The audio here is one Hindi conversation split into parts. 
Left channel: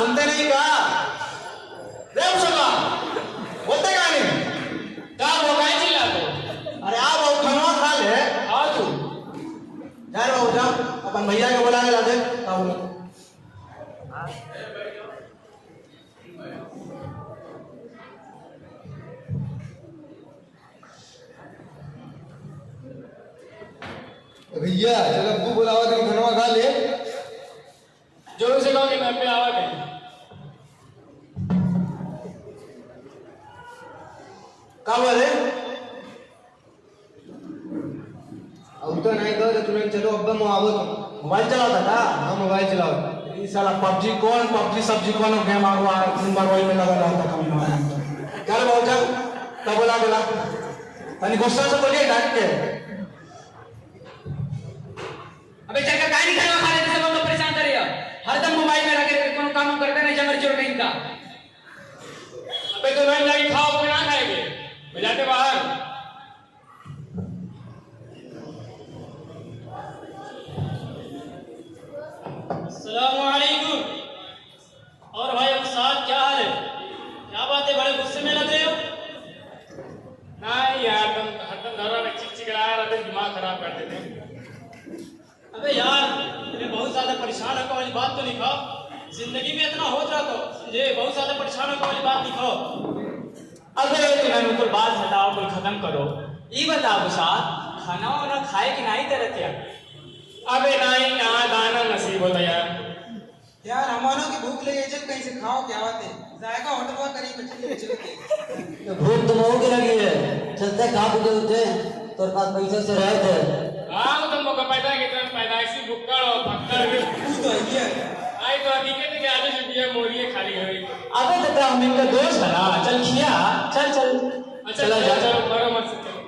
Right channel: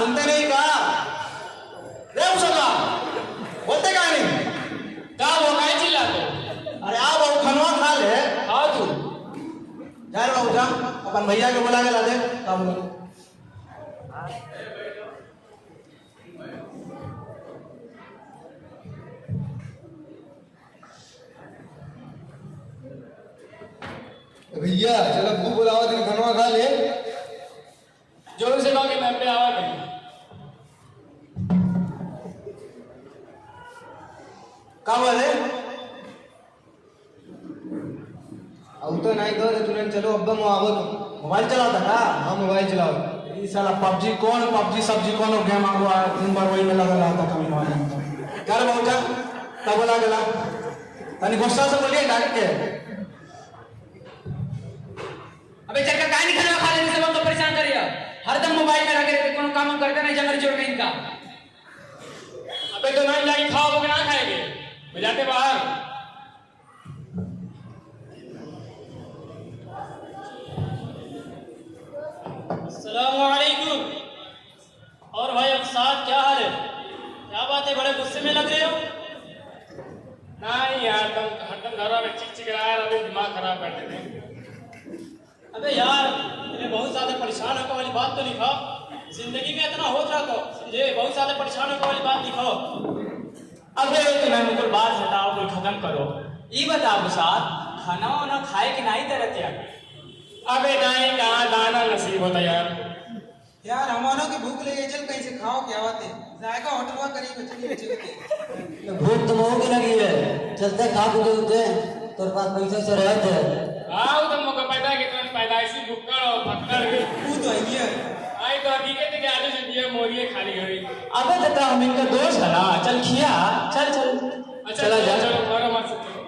सुनते नहीं का? रे मुसल्ला बोलते का नहीं? का वो काय चिल्लाते? अरे आओ वो खाना खा ले। आओ तू जाए बाबू जाओ अपन भैया को बुला के ला दे। भैया जब तू बुलावा तो खाना खा ले। जोर से कहो कि मैं पे आवा कहीं। का बोले? अब तो नहीं दो तो तुरंत चलो अब मोबाइल चलाता था। हाँ मोबाइल चलाओ। ये साला पबजी सब्जी कौन गेम आवा मोबाइल में लगा रहा था कभी। चल बाबू चल क्या बोला गेला तनी गुस्सा से बोलिए डांट के। अबे चल का काय नहीं खाना खा लेने से लोग तो परेशान करेगा। हरदम मोबाइल में लगे रहते तुम काम करते नहीं जबर जोर नहीं था। अबे तो नहीं खाओ कि ना खाएंगे बजाते बाहर। अस्सलामुअलैकुम। और भाई अब साथ क्या हाल है? क्या बात है बड़े गुस्से में लग रहे हो? नहीं यार हरदम घरों में चिक चिकराया अभी दिमाग खराब कर देते हैं। अबे यार ये बहुत ज्यादा परेशान होने वाली बात तो नहीं खाओ। जिंदगी में इतना हो रहा तो ये बहुत ज्यादा परेशान होने वाली बात नहीं खाओ। अबे तुम्हें मतलब बात हटाओ कोई खत्म करो। ये बताओ साथ खाना वाना खाए कि नहीं तेरे क्या? अबे नहीं कहाँ दाना नसीब होता यार। यार हमारों की भूख लगी है कैसे खाओ क्या बात है? जाएगा होटल में करीब चलते। भूख तो बहुत लगी है चलते खा पी होते तोर पास पैसे से रहे थे। हाँ तो मुझे पैदा के कारण पैदाइशी भुक्कड़ और पत्थर तू तो आई है आई तो हकीकत है कि आलू जुबिया मोरिये खाली हुई। अबे तो तेरा अमीन का दोस्त है ना चल खिया चल अच्छा चलो चलो करो मत चलो।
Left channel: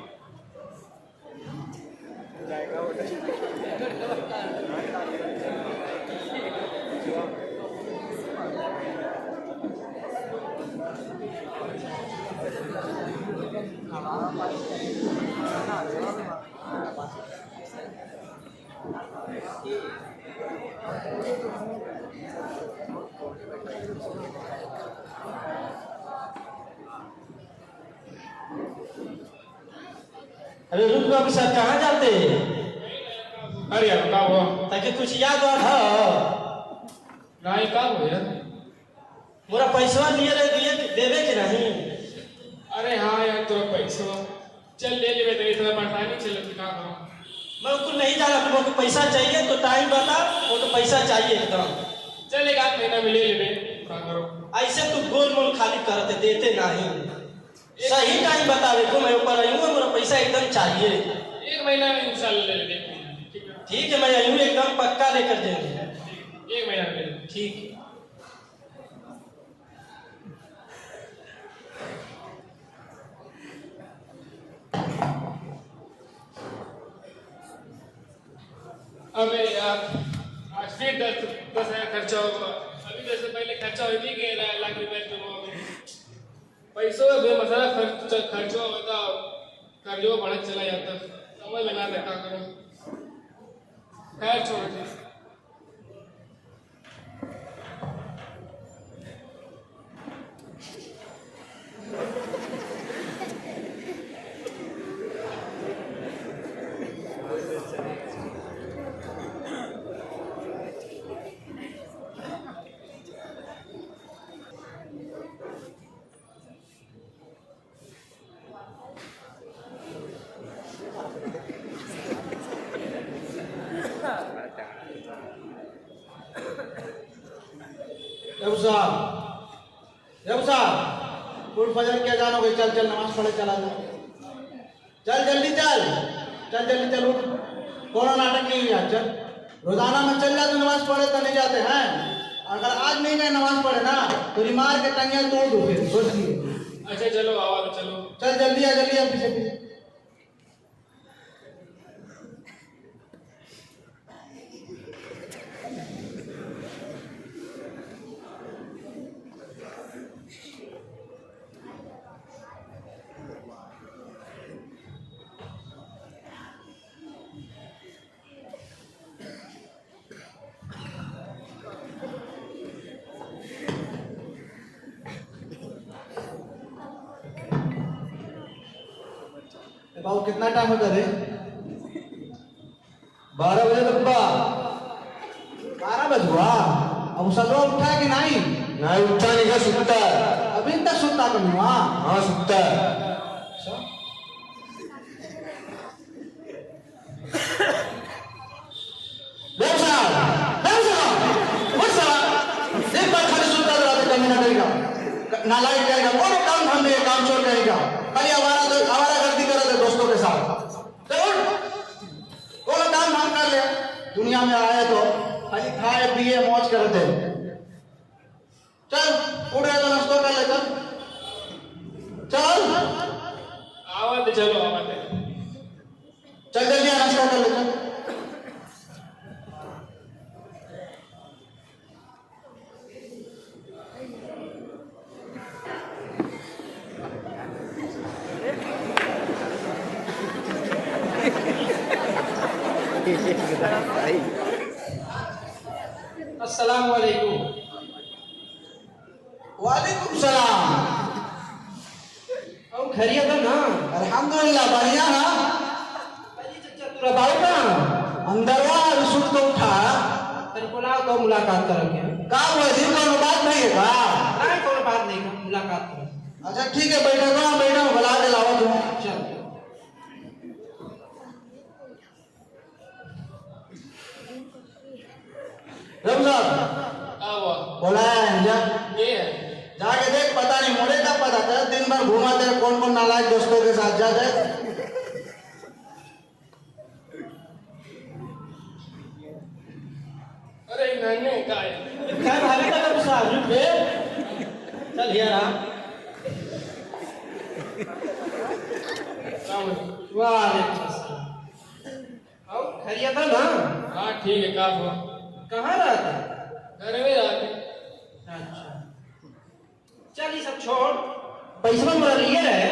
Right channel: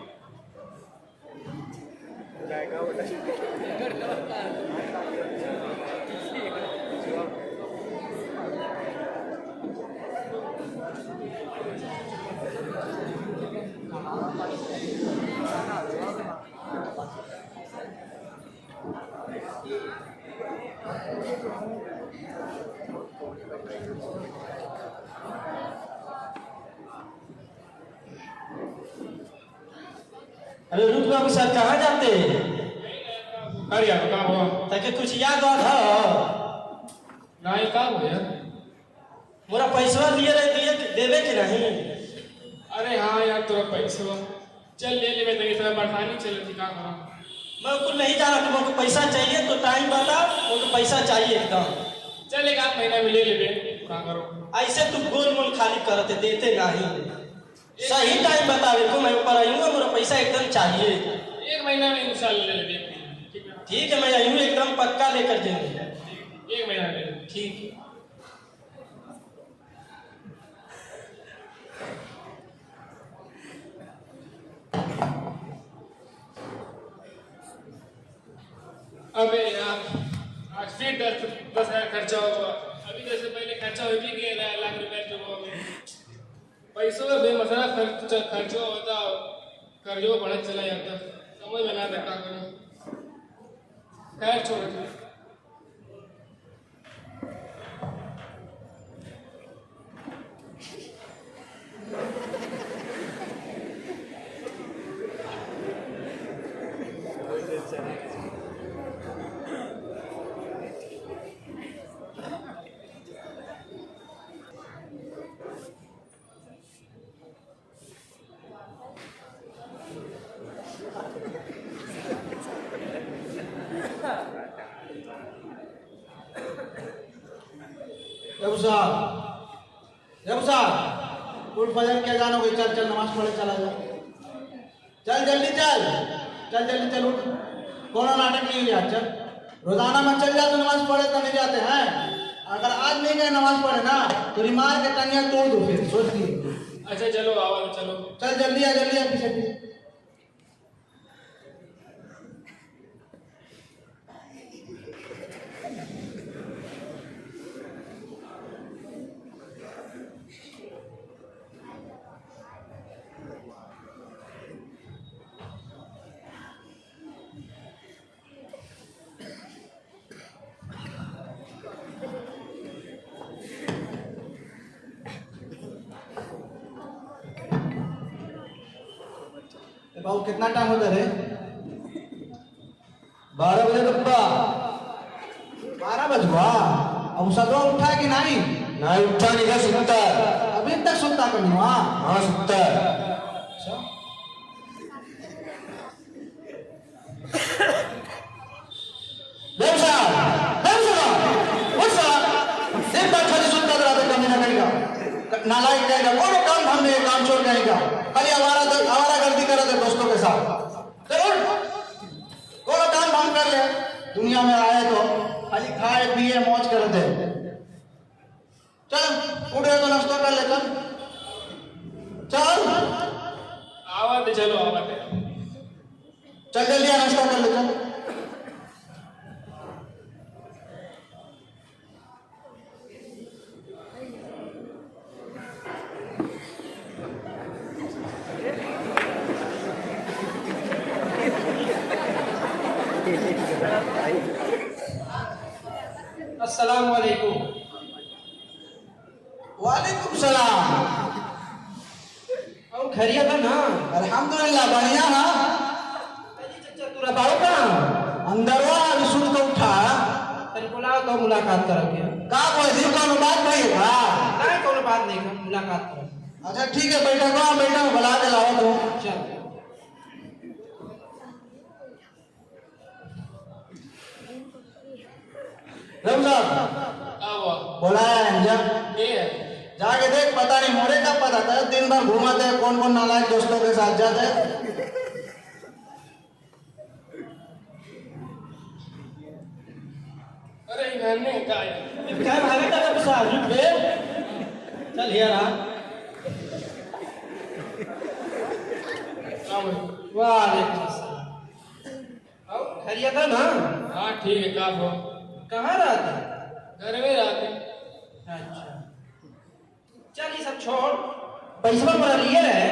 अरे रुक ना साथ कहाँ जाते? अरे अब का हुआ? ताकि कुछ याद और हो नहीं का हुआ? मोरा पैसा लिए दिए देवे के नहीं। अरे हाँ यार तेरा पैसा चल ले ले तो इतना परेशानी चल क्या करा। मैं तो नहीं जाना तुमको पैसा चाहिए तो टाइम बता वो तो पैसा चाहिए एकदम। चल एक आध महीना में ले ले क्या करो। ऐसे तू गोल मोल खाली करते देते नहीं सही टाइम बतावे तो मैं ऊपर आऊंगा मेरा पैसा एकदम चाहिए। एक महीना में इंशाल्लाह ले ले। ठीक है मैं आऊंगा एकदम पक्का लेकर देंगे। एक महीना में ठीक अबे यार आज फिर 10,000 खर्चा होगा। अभी जैसे पहले खर्चा हो ही गया लाख रुपए जो पैसों में मसाला खर्चो होता कर्जो बढ़त चला जाता समझ में आता क्या करो। खैर छोड़ दे। जब साहब उठ फजर क्या जानो भाई, चल चल नमाज पढ़े चला जा, चल जल्दी चल, चल जल्दी चल उठ, कोनो नाटक नहीं हुई आज, चल रोजाना में चल जा तो नमाज पढ़े तो नहीं जाते हैं, अगर आज नहीं गए नमाज पढ़े ना तो रिमार के टंगिया तोड़ दो फिर सोच लिए। अच्छा चलो आवाज चलो, चल जल्दी आ पीछे पीछे। बाबू कितना टाइम हो गया रे? 12 बजे तो पूरा 12 बज गया। अब सब उठा है कि नहीं? नहीं उठा नहीं है, सुनता है। अभी तक सुनता कर नहीं हुआ? हाँ सुनता है। नालायक रहेगा, कौन काम हम में काम छोड़ रहेगा, खाली हमारा गलती करे थे दोस्तों के साथ, तो काम हम कर ले, दुनिया में आए तो खाली खाए पिए मौज करते। चल उठ गए तो नाश्ता कर ले, चल आवाज चलो आवाज, चल जल्दी नाश्ता कर ले, चल। अस्सलाम वालेकुम। वालेकुम सलाम। और खैरियत है ना? अल्हम्दुलिल्लाह बढ़िया है। तू बताओ ना, अंदर वाला विशुद्ध को उठा परिपुला तो मुलाकात करेंगे। का वजीर को बात नहीं है का? नहीं कोई बात नहीं, मुलाकात करें। अच्छा ठीक है, बैठा बुला के लाओ तुम। चल रमला बोला है जाके देख, पता नहीं मोरे का पता था, दिन भर घुमाते कौन कौन नालायक दोस्तों के साथ जाते। अरे नन्हे का क्या भागे का तब साहब बे चल यार। वालेकुम अस्सलाम। और खैरियत है ना? हाँ ठीक है, काम हुआ। कहाँ रहते? घर में जाते। अच्छा चल ये सब छोड़, पैसा पर लिए रहे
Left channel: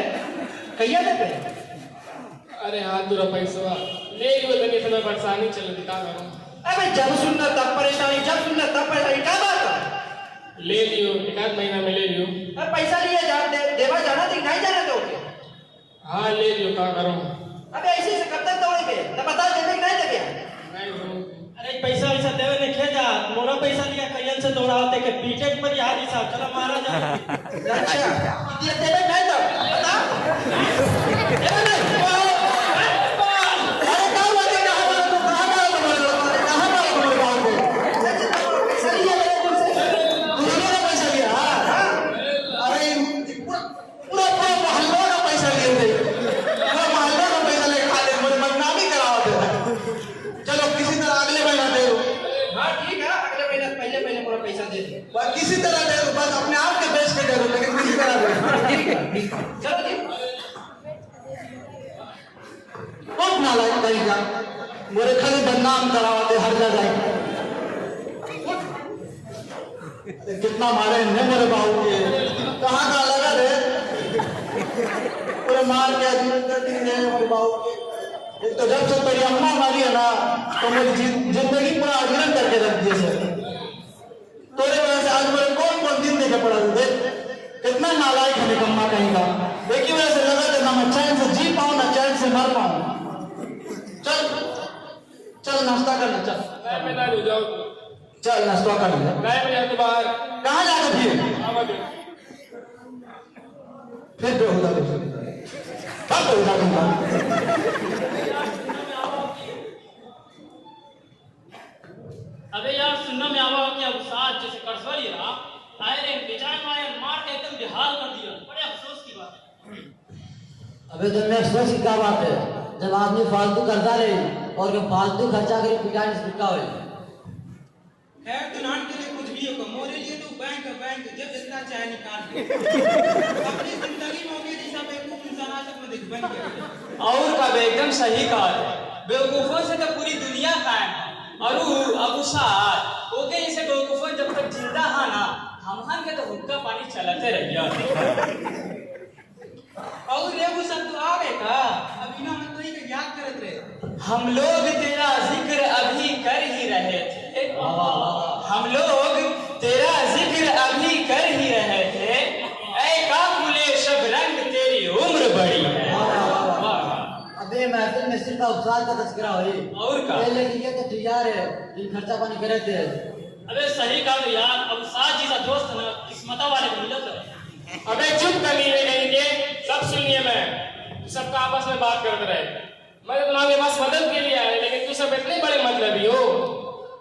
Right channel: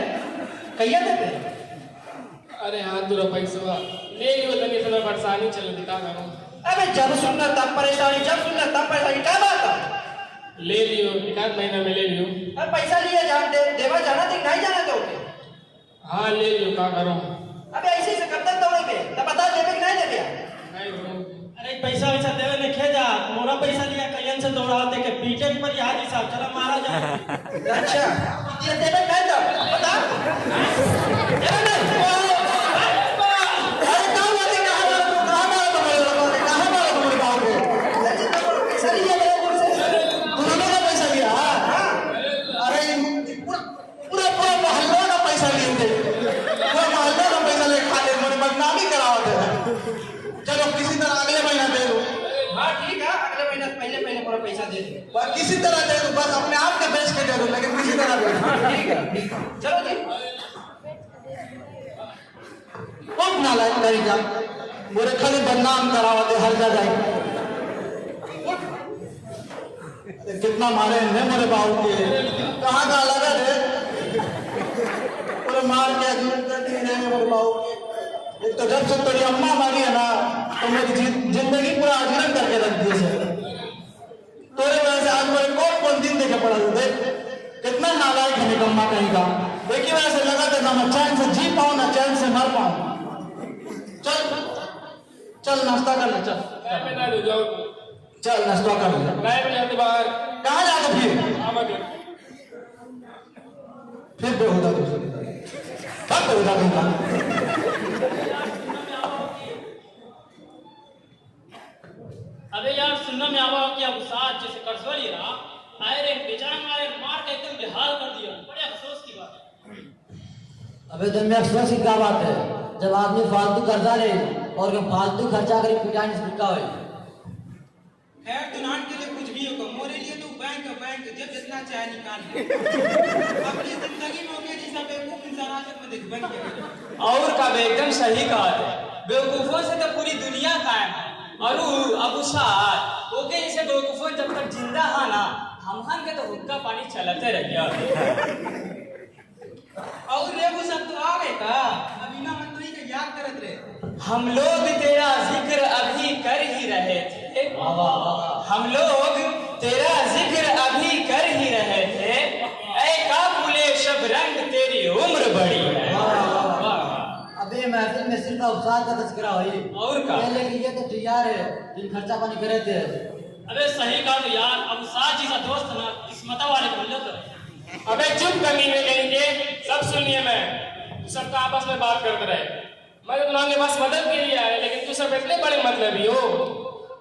कैया देते? अरे हाथ दूर पैसा ले लियो, तनी से परेशानी चल दिखा दो। अबे जब सुनना तब परेशानी, जब सुनना तब परेशानी, क्या बात है? ले लियो, एकाध महीना में ले लियो। अब पैसा लिए देवा जाना थी, नहीं जाना दोगे? हाँ ले लियो, क्या करो। अबे ऐसे से कब तक दौड़ेंगे? तब बता देवे कि नहीं देवे? नहीं हो अरे पैसा वैसा देवे ने खेजा मोरा पैसा लिया कयन से दौड़ाते के पीटे पर यार साहब चलो मारा जा। अच्छा ये देवे नहीं तो बता। अरे नहीं किसी तरह दे दो, बस अपने आप के बेच के दे दो, लेकिन किसी तरह दे दो। चलो जी कौन नालायक करेगा, मेरे खाली बदनाम करावाते हर जगह। कितना मारे ने मेरे बाबू के, कहाँ का लगा दे कोई मार के अजीब है मेरे बाबू के। एक तो जब से तेरी अम्मा मारी है ना, तो मेरी जिंदगी पूरा अजीरन करके रख दी है। तोरे वजह से आज मेरे कौन दिन देखे पड़ा थे, कितना नालायक है निकम्मा कहेगा। लेकिन ऐसे लगा था ना मैं चैन से जी पाऊं ना चैन से मर पाऊं। चल चल नाश्ता कर ले, चल मैं मिला ले जाओ। चल नाश्ता कर ले। मैं भी जाते बाहर। कहाँ जाते फिर? आवाज फिर बेहुदा कब बेहुदा अरे यार सुनने में आवा कि अब साथ जैसे करसवाई है ना, अबे दुनिया में की क्या बात है जब आदमी फालतू कर्जा ले और वो फालतू खर्चा करे पिटाने से पिटा हो खैर दुनान के लिए कुछ भी होगा मोरे लिए तो बैंक जब जितना चाहे निकाल ले अपनी जिंदगी में होगी जैसा बेवकूफ इंसान आज तक मैं देख बन गया और का एकदम सही कहा है बेवकूफों से तो पूरी दुनिया कायम है और अब साथ ओके जैसे बेवकूफों जब तक जिंदा है ना हम के तो हुक्का पानी चलाते रहिए और रे वो सब तो आ गए का अभी ना मत तो ही का याद करत रहे हम लोग तेरा जिक्र अभी कर ही रहे थे हम लोग तेरा जिक्र अभी कर ही रहे थे ऐ काफिले शब रंग तेरी उम्र बड़ी है अबे महफिल में सिर्फ अवसाद का तस्करा हुई और का पहले की तो तैयार है दिन खर्चा पानी करे थे अबे सही कहा यार हम साथ जैसा दोस्त ना किस्मता वाले को मिलत अबे चुप कमीने कहीं के सब सुन लिए मैं सबका आपस में बात करते रहे मैं तो तुम्हारे पास मदद के लिए आया लेकिन तू सब इतने बड़े मतलबी हो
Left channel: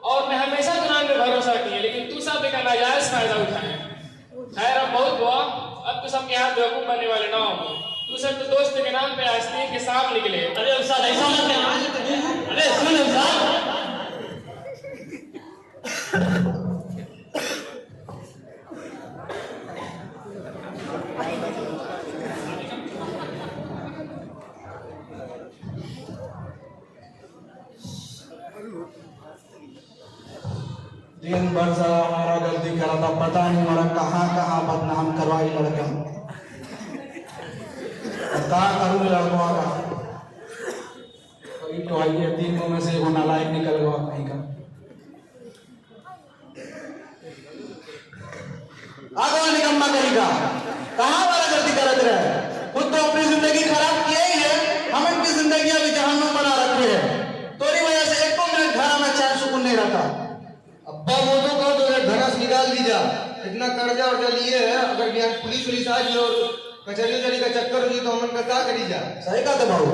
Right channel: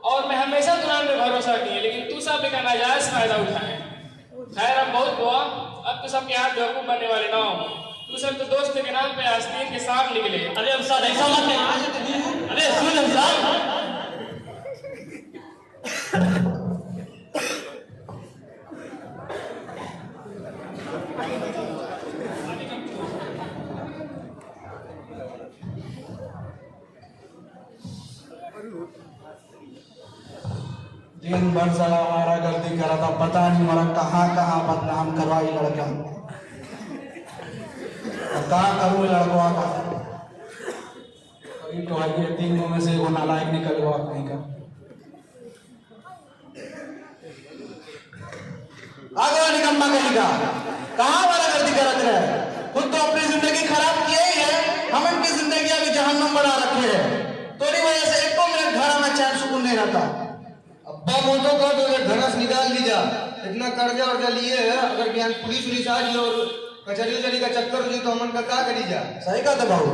और मैं हमेशा तुम्हारे पे भरोसा किया लेकिन तू सब एक नाजायज फायदा उठाए खैर अब बहुत हुआ अब तो सबके हाथ बेवकूफ बनने वाले ना हो तू सब तो दोस्त के नाम पे आस्तीन के सांप निकले अरे उस्ताद ऐसा मत कर अरे सुन उस्ताद दिन भर साला हमारा गलती करा था पता नहीं मेरा कहाँ कहाँ बदनाम करवाई लड़का पता करूँ लड़का कहीं तो आइए तीन में से वो नालायक निकल हुआ कहीं का आगे निकम्मा कहीं का कहाँ वाला गलती करते रहे खुद तो अपनी जिंदगी खराब किया ही है हम अपनी जिंदगी अभी जहन्नुम बना रखी है तोरी वजह से एक मिनट घर में चैन सुकून नहीं रहता अब्बा बोलो कर तो धनस निकाल दीजा इतना कर्जा वर्जा लिए है अगर भी पुलिस पुलिस आज और कचहरी उचहरी का चक्कर हुई तो हमन का क्या करी जा सही का तो भाव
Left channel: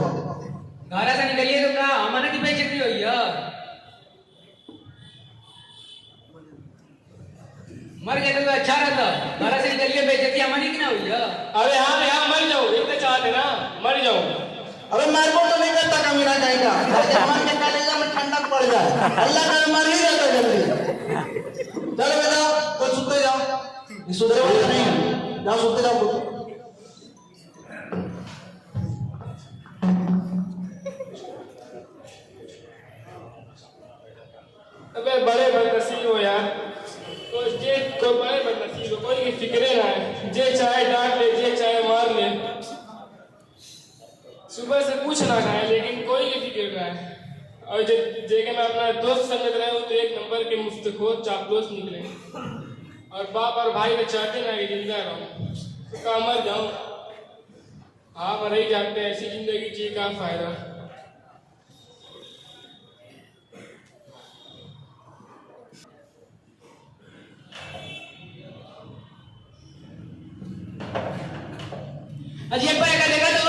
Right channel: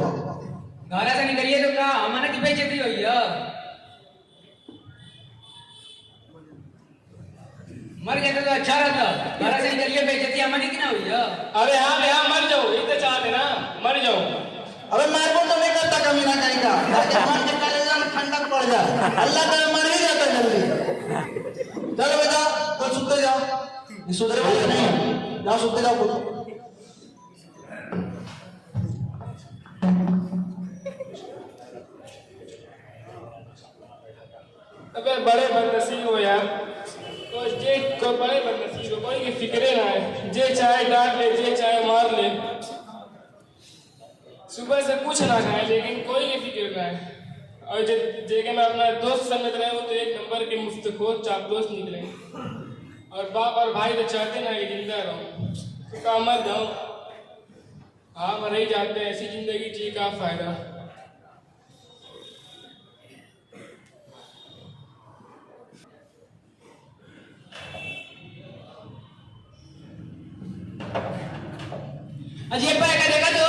घरा से निकलिए तो का हमने की बेइज्जती हुई है मर गए तो अच्छा रहता घरा से निकलिए बेइज्जती हमारी की ना हुई है अरे हाँ भैया मर जाओ इतने चाहते ना मर जाओ अबे मार को तो नहीं करता कमी ना कहेगा मन के कलेजा में ठंडक पड़ जाए अल्लाह का मर ही जाता जल्दी चलो बेटा तो सुते जाओ ये सुधरे नहीं है जाओ सुते जाओ अबे बड़े बदनसीब हो यार को बड़े बदनसीब हो कोई फिक्रे ना है जे चाहे डांट ले जे चाहे मार ले सुबह से कुछ ना खाए लेकिन कोई नहीं फिक्र ना है और जेके मैं अपना दोस्त समझ रहे हो तो एक नंबर के मुफ्तखोर चापलूस निकले और बाप और भाई तो चाहते ना कि जिंदा रहो तो मर जाओ हाँ मर ही जाते हैं ऐसी जिंदगी जी का फायदा अजी एक बार का देखा तो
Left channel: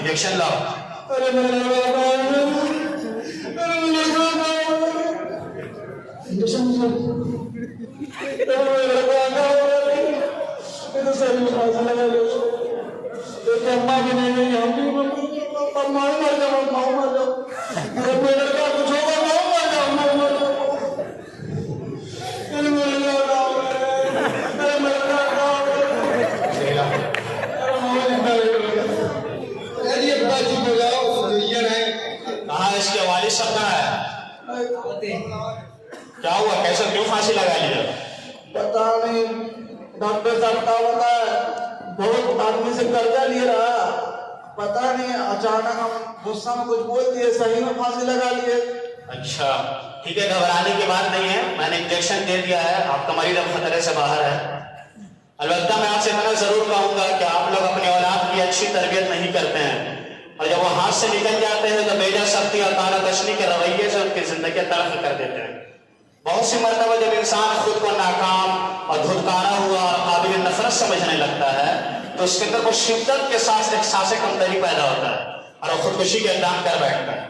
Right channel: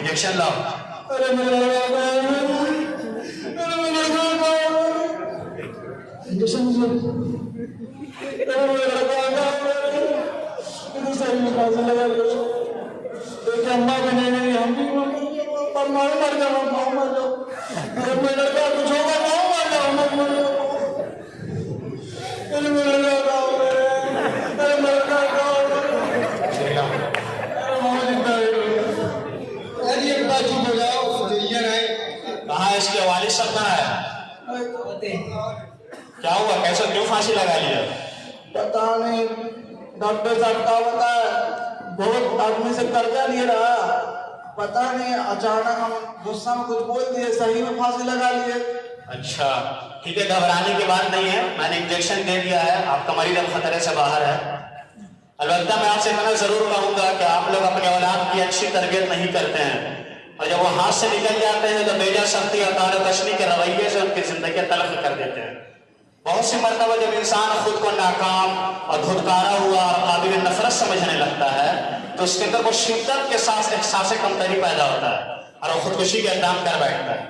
इंजेक्शन लो ये बात हो जाओ ये पता नहीं अचानक हम गुस्सा में कुछ बोल दिए, सही में फांसी लगा लिए। अच्छा ठीक है, घबराने की बात नहीं है, मैंने इंजेक्शन दे दिया है, आपका मरीज अब खतरे से बाहर है। अलबत्ता मैं आपसे इतना जरूर कहूंगा कि आप लोग अपने औलाद की अच्छी तरबियत नहीं करते हैं, और जब वो हाथ से निकल जाते हैं तो बेजा शक्ति अकाल तशनी के रवैये से उनकी जिंदगी तलख कर देते हैं। बहुत सी मरतबा जब इंसान खुद को नाकाम और धुरकारा हुआ काबिल नफरत समझने लगता है तो उसके अंदर वो शिद्दत के साथ एहसास कमतरी पैदा होता है और वो खुदकुशी का इक़दाम कर बैठता है।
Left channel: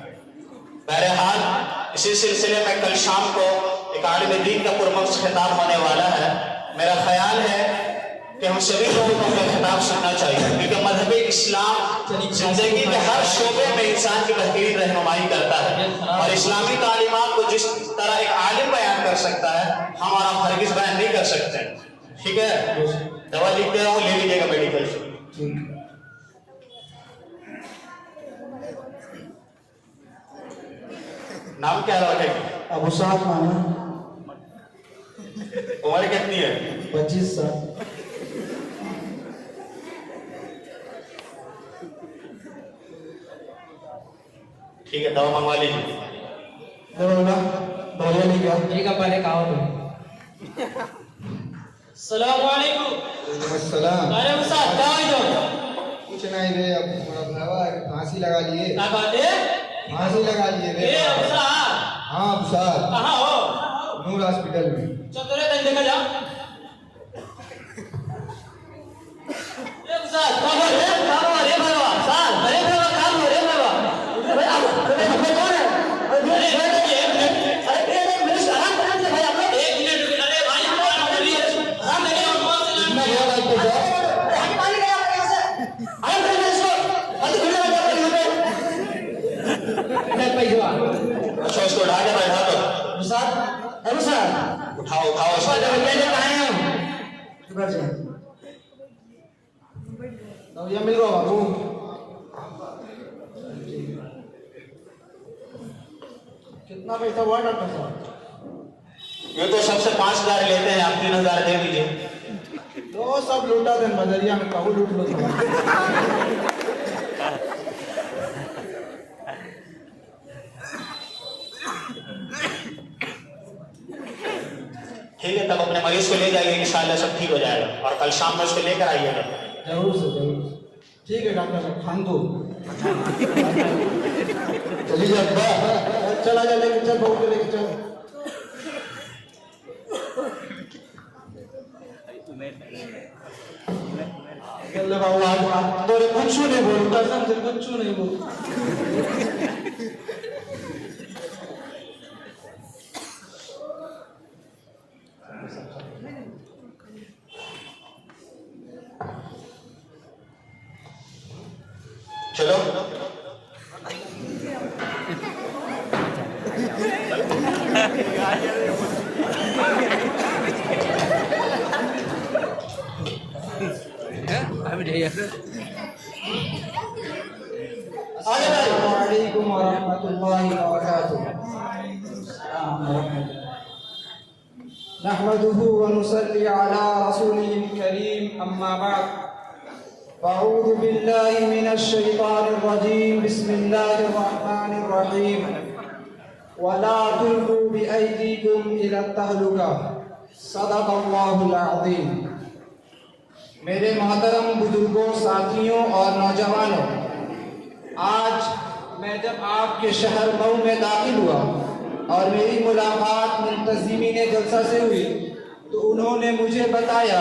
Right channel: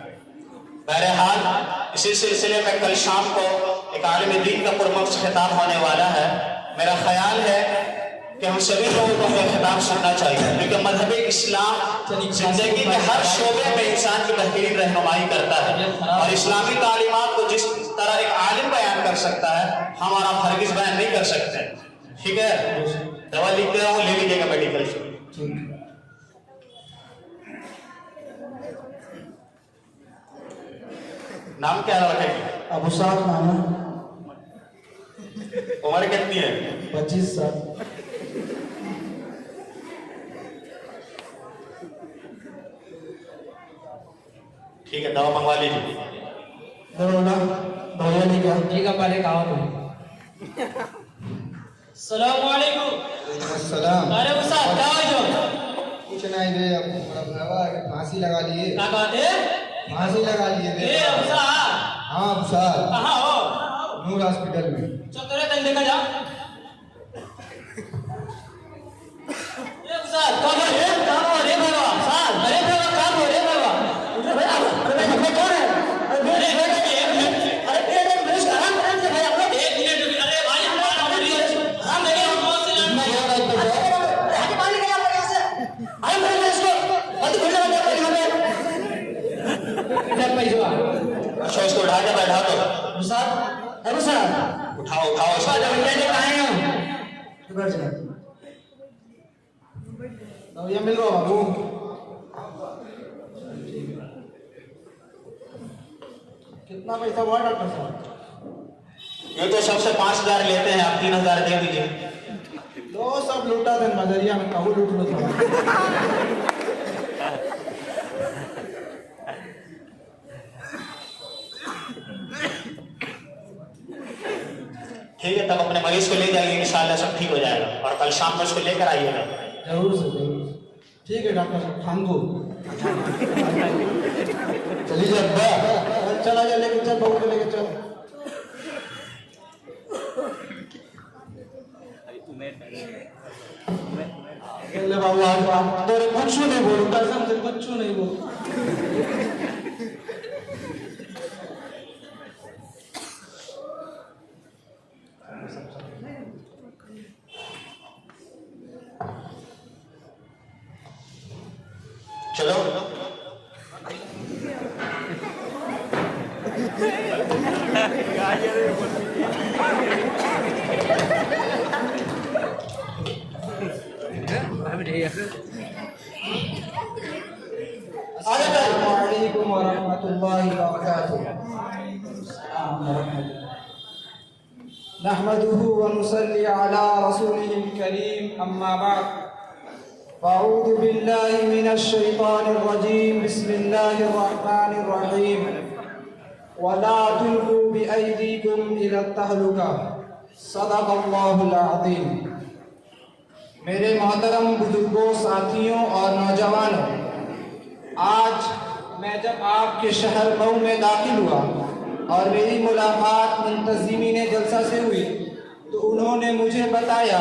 बहरहाल इसी सिलसिले में कल शाम को एक आलिम दीन का पुरमख्स खिताब होने वाला है। मेरा ख्याल है कि हम सभी लोगों को यह खिताब सुनना चाहिए, क्योंकि मजहब इस्लाम जिंदगी में हर शोबे में इंसान की बेहतरीन रहनुमाई करता है, और इस्लामी तालीमात को जिस तरह एक आलिम बयान कर सकता है हम और आप हरगिज़ बयान नहीं कर सकते। ठीक है, दवा लिख दे रहा हूँ, ले लीजिएगा मेडिकल से। नाम क्या है? अबू साहब नाम है। उम्र कितनी है? 25 साल। ठीक है, दवा मंगवा लीजिए। दवाइयाँ लेके आओ। ठीक है, पहले कहा तुम। सलाम वालेकुम। सलाम। अरे उस्ताद क्या हुआ जो? कुछ नहीं रे, अब थोड़ा बुलावा है, फांसी लगा लिए। क्या बात है? फांसी लगा लिए रे। ये उस्ताद हाँ साहब, कहाँ हो? नूर हॉस्पिटल में। चल तेरे दिन देखा जाओ। ये उस्ताद कौन है? काम हो रे बाबा। उस्ताद अरे बाबा काम हो रे बाबा। अरे कौन है? अरे एक मिनट। अरे मेरे सलाम कर दे भाई, आप लोग 1 मिनट रुकिए। अरे भाई हम बात कर रही है। हम देखे हम कौन से लड़के हैं? यहाँ पे जाओ। भाई पानी नहीं आ रहा कैसे? हम कर रहे इसको। हम तो वीडियो बना रहे हैं। चल पैसा अच्छा, इसको उठा के बैठा दो। उस्ताद, अरे उस्ताद उठाओ उठाओ इसको। उस्ताद अभी कैसे कहाँ हैं हम? बैठ जाओ। दवाइयाँ मिल गया बाबू। कितना पैसा हुआ डॉक्टर साहब? ये तो सबसे 5,000 लेते हैं, आप 3,000 दे दीजिए। वो सब लूटा दे मदरिया में, कहूँ लूट लो। ठीक है, तब अपने मरीज को ले जाइए, इंशाल्लाह सब ठीक हो जाएगा, और कल शाम में उसको लेकर आइएगा। जरूर से जरूर। ठीक है डॉक्टर साहब, हम तो चलिए अब चला जा, लेके चल बहू को लेके चलो। अल्लाह बाबू आज तोरे कुछ नहीं बोल, कसम से कुछ नहीं बोल। चलो अस्सलामुअलैकुम वरहमतुल्लाहि वबरकातुहू। नहमदुहु व नुसल्ली अला रसूलिहिल करीम, अम्मा बाद। अऊज़ु बिल्लाहि मिनश शैतानिर रजीम, बिस्मिल्लाहिर रहमानिर रहीम। वला तुल्कू बिअयदीकुम इला तहलुका, सदक़ल्लाहुल अज़ीम। मेरे मोहतरम बुजुर्गों, साथियों और नौजवानों, आज मैं जब आपके शहर मऊ में दाखिल हुआ और मेरी मुलाकात मुंतज़िमीन जलसा से हुई तो उन्होंने मुझे बताया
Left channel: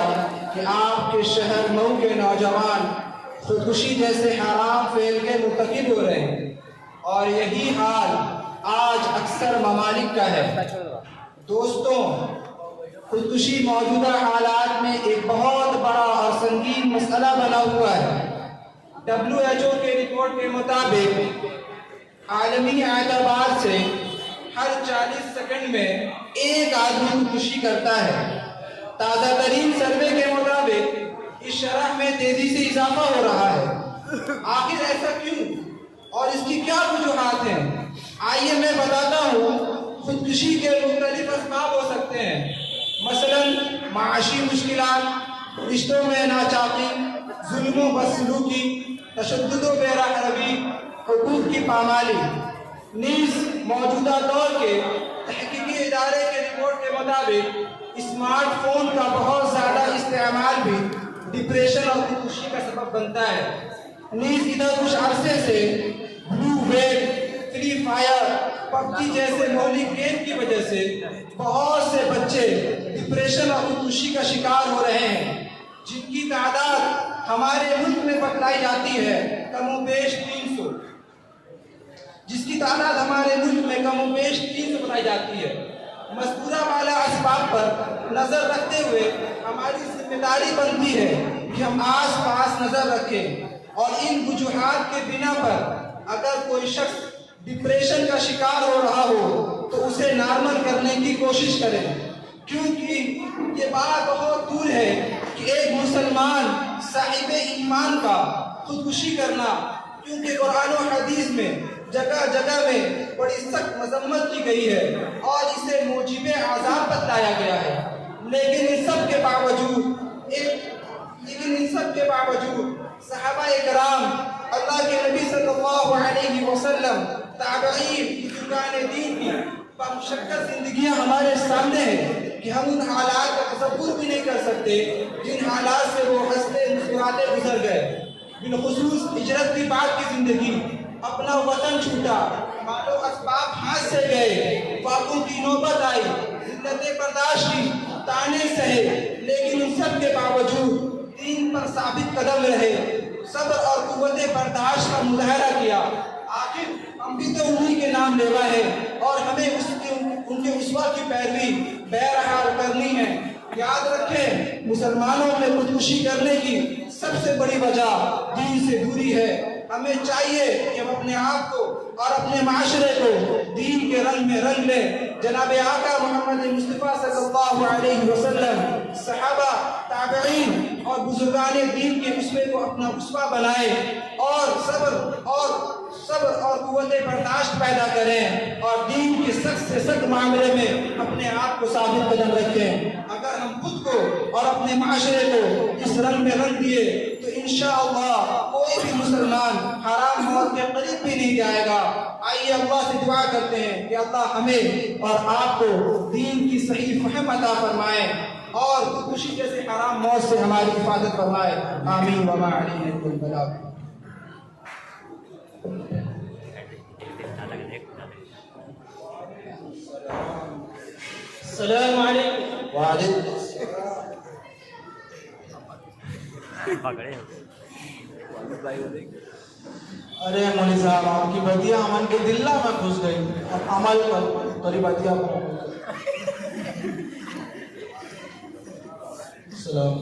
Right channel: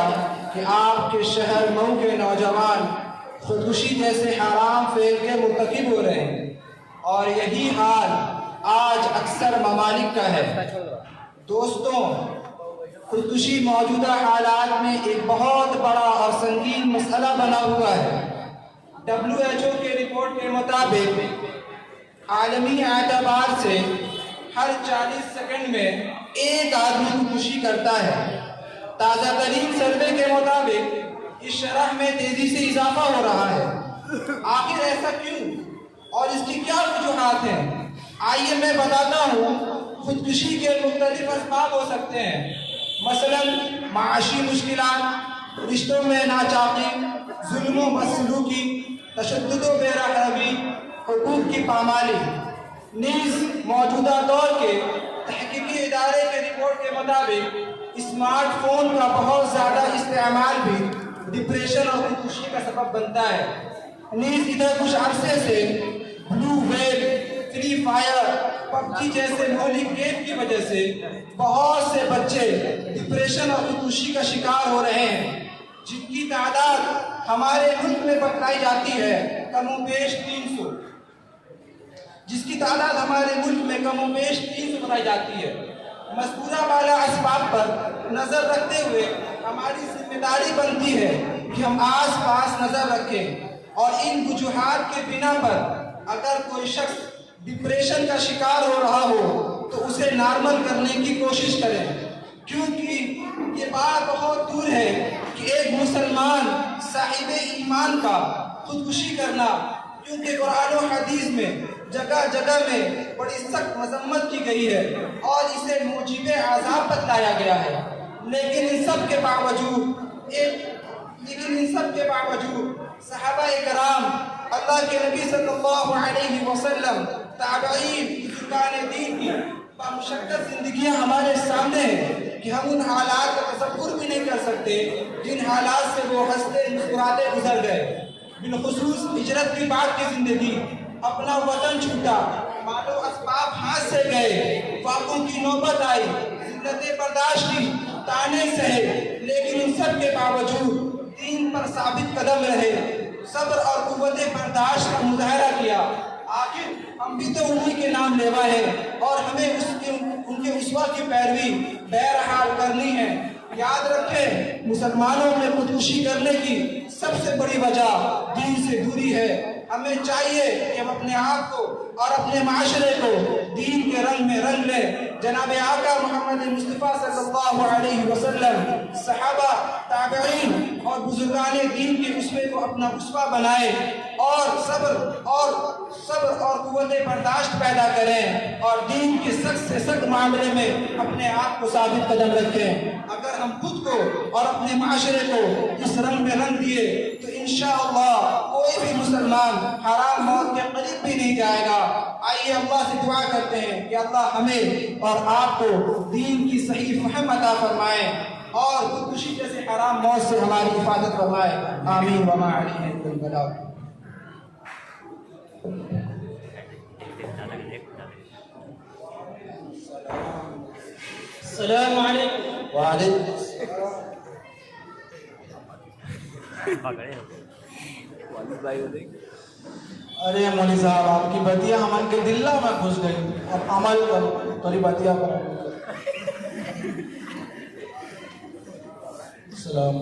कि आपके शहर मऊ के नौजवान खुदकुशी जैसे हराम फेल के मुर्तकिब हो रहे हैं, और यही हाल आज अक्सर ममालिक का है। दोस्तों, खुदकुशी मौजूदा हालात में एक बहुत बड़ा और संगीन मसला बना हुआ है। WHO के रिपोर्ट के मुताबिक आलमी एतबार से हर 40 सेकंड में एक आदमी खुदकुशी करता है। ताज़ा तरीन सर्वे के मुताबिक इस शरह में तेजी से इजाफा हो रहा है। आखिर ऐसा क्यों और इसकी क्या वजूहात हैं? आइए मैं बताता हूँ। खुदकुशी के मुख्तलिफ असबाब हो सकते हैं, मसलन माशी मुश्किलात, रिश्तों में नाचाकी, जुल्म व बदसलूकी, तशद्दुद व बेरहमी, हुकूक की पामाली। नीज मौजूदा दौर के तहकीकी इदारे के रिपोर्ट के मुताबिक स्मार्टफोन का बहुत ज़्यादा इस्तेमाल भी डिप्रेशन और खुदकुशी का सबब बनता है। नीज इधर कुछ अरसे से blue whale, free fire, PUBG जैसे मौलिक गेम की वजह से बहुत से बच्चे डिप्रेशन और खुदकुशी का शिकार हो रहे हैं, जिनकी तादाद हमारे मुल्क में बताई जाती है कमोबेश 300, जिसकी तादाद हमारे मुल्क में कमोबेश 300 बताई जाती है। मज़कूरा वाला असबाब पर नजर रखते हुए हमारी जिम्मेदारी बनती है कि हम आस पास नजर रखें और इन वजूहात के बिना पर अगर कोई शख्स डिप्रेशन का शिकार हो रहा हो तो उसे नॉर्मल करने की कोशिश करें, क्योंकि ये बात बहुत दूर है कि एक मुसलमान साहिब ईमान का खुदकुशी करना, क्योंकि कुरान और हदीस में जगह जगह में बड़ी सख्त मजम्मत की गई है और इसे मूजिबे अज़ाब बताया गया है। लेकिन इन सब के बावजूद सहाबा इकराम, अल्लाह के नबी सल्लल्लाहु अलैहि वसल्लम, ताबईन, बुजुर्गान दीन की बामुशक्कत जिंदगियां हमारे सामने हैं कि हम उन हालात का तसव्वुर भी नहीं कर सकते जिन हालात से वो हंसते मुस्कुराते गुजर गए। बिलखुसूस हिजरत की बाद की जिंदगी, अपना वतन छूटा, मालो असबाब हाथ से गए, फाकों की नौबत आई, जिल्लतें बर्दाश्त की, ताने सहे, लेकिन उन सब के बावजूद दीन पर साबित कदम रहे, सब्र और कुव्वत बर्दाश्त का मुजाहरा किया। आखिर हम भी तो उन्हीं के नाम लेवा है और हमें उनके उस्वा की पैरवी बहरहाल करनी है। याद रखें, मुसलमानों में खुदकुशी करने की सबसे बड़ी वजह दीन से दूरी है। हमें चाहिए कि हम अपने आप को और अपने माशरे को दीन के रंग में रंग लें। जनाब आका मोहम्मद मुस्तफ़ा सल्लल्लाहु अलैहि वसल्लम, सहाबा, ताबईन और बुजुर्गान दीन के उसवे को अपना उसवा बनाए और सब्र और कुव्वत बर्दाश्त पैदा करें और दीन के सख्त से सख्त मामले में अपने आप को साबित कदम रखें। अगर हम खुद को और अपने माशरे को इस रंग में रंग दिए तो इंशाअल्लाह कोई भी मुसलमान हराम मौत के करीब भी नहीं जाएगा। आइए अल्लाह से दुआ करते हैं कि अल्लाह हमें और आपको दीन की सही फहम अता फरमाए और खुदकुशी जैसे हराम मौत से हमारी हिफाजत फरमाए। आमीन व मा अलैहि इल्लल बलाग। अस्सलाम वालेकुम। अरे मौली साहब, आपकी बतिया अमन के दिल्ला में घुस गई। अब अमल करो, करी बतिया सलाम।